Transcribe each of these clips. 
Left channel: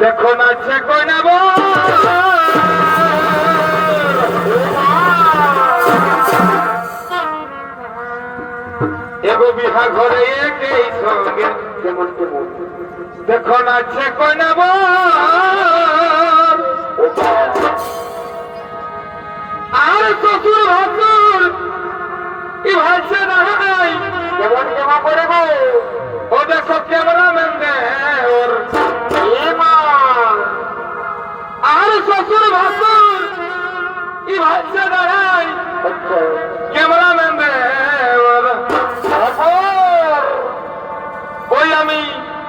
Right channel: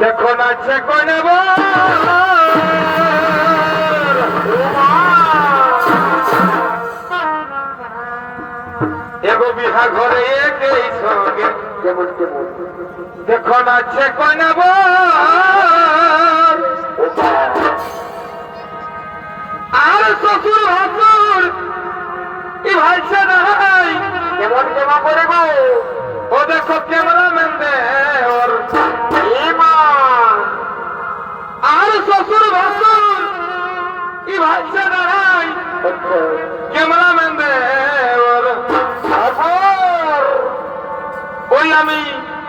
দেখো নাচছে কই নেব এগো বিহা ঘরে একই সঙ্গে কেমন কেমন দেখো নাচছে কই নেব আর শ্বশুর ভাসুর কি ভাইছে নাই কেমন কেমন করে গো ও দেখো ক্যামেরাম্যান দে ওর আর শ্বশুর ভাসুর কি ভাইছে নাই ক্যামেরাম্যান দে ওর ওই আমি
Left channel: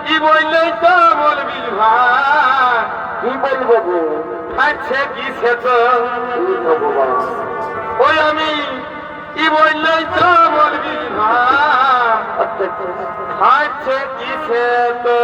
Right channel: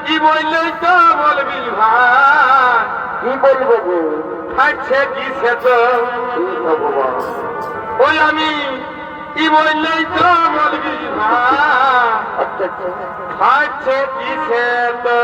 কি বললেই তো বলবি ভাই কি বলবো গো খাচ্ছে দিছে তো ভগবান ওই আমি কি বললেই তো বলবি ভাই খাচ্ছে দিছে তো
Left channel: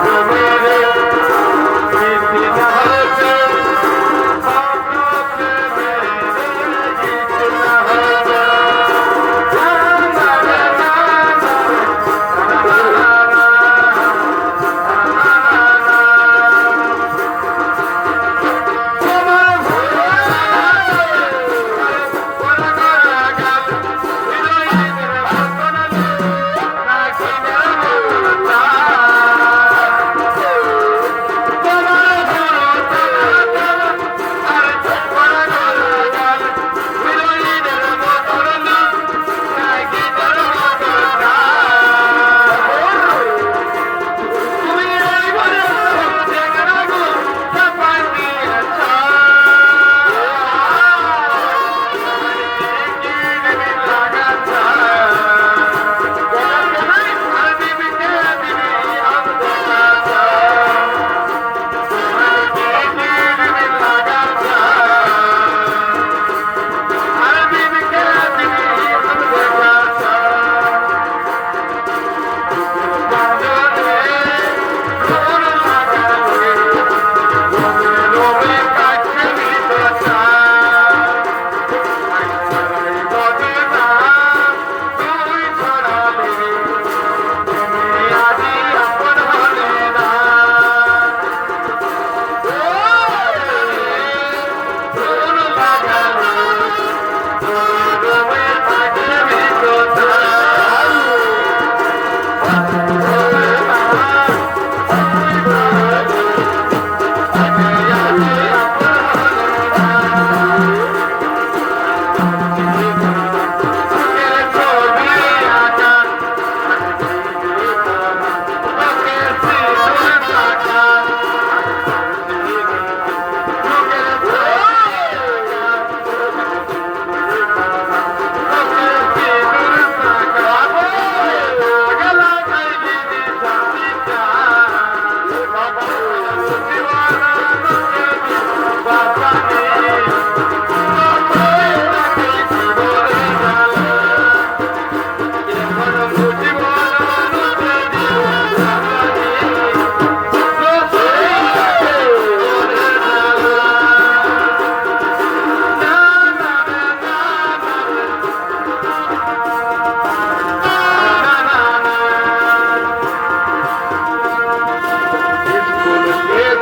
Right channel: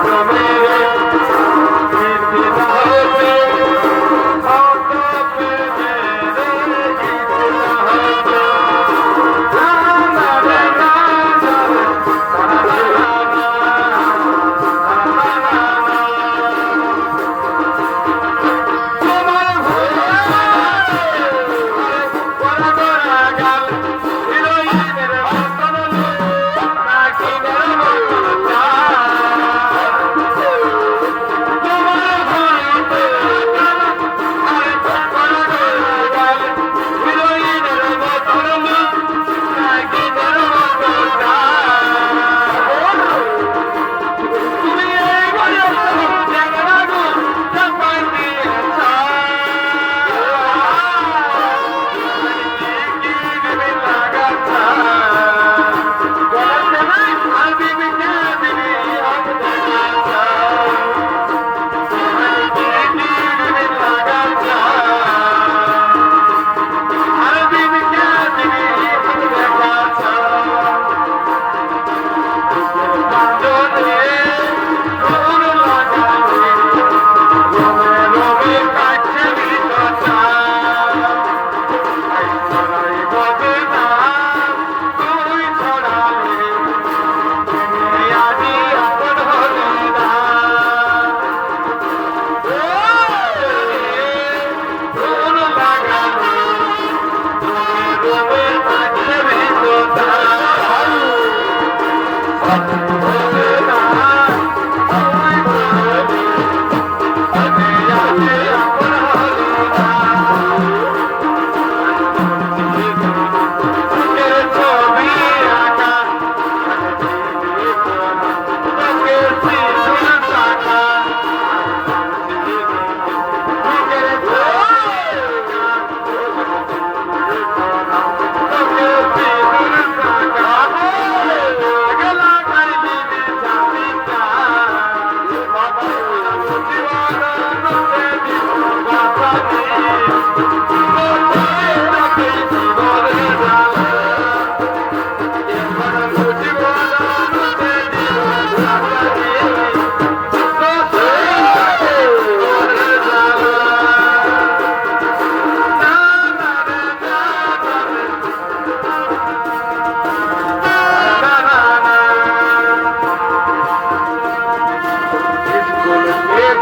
Come here.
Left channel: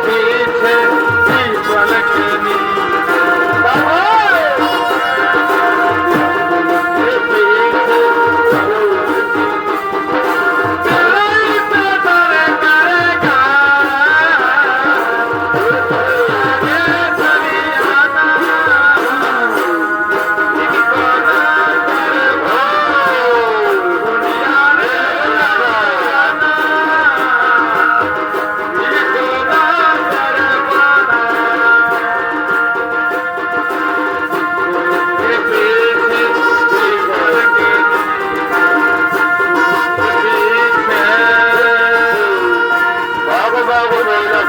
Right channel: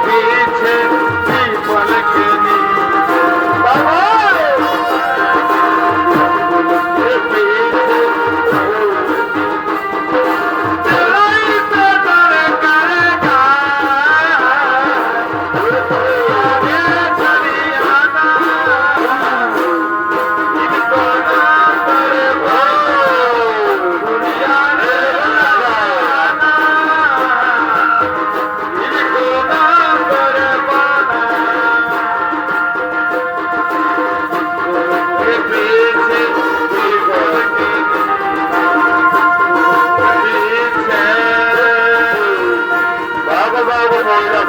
पीछे पीपल की नींद के पीछे चलाई पे करे करेगा ये दरियाना इनको ना करे हो दुनिया ने लगाना इनको ना करे पाना के पीछे पीपल की बाबा बाबा बोला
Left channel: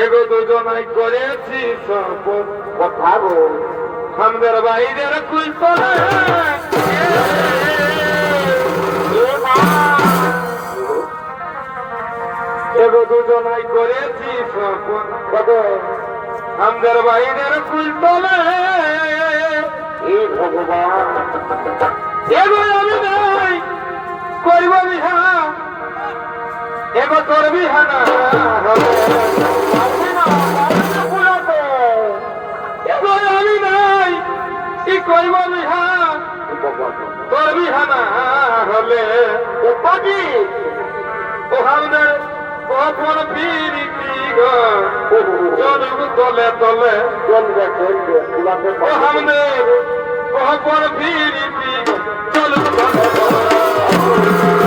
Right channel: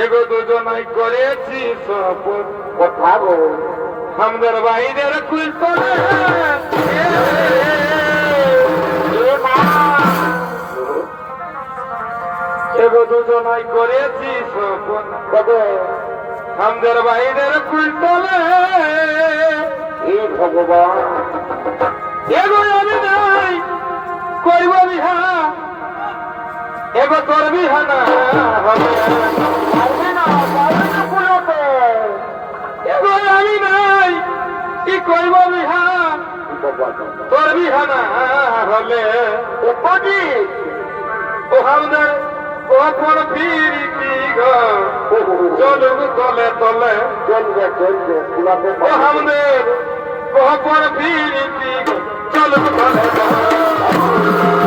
এগো দুজনাই করেছি শপথ কথা গো আমাদের বাইরের কুলতলা এগো দুজনাই করেছি শপথ কবে আমাদের বাইরের কুলতলা এ ভগবান এগো আমি নাই করিব বিহা এগো তোর বিহা না এগো আমি নাই কি করিব বিহা তোর বিহা না হলে ও পাজি ও আমাদের ও কোন পিরিতি গো চলবু তলে তলে চলবে চলবে পুরাতে ও আমাদের ও কোন পিরিতি গো চলবু তলে তলে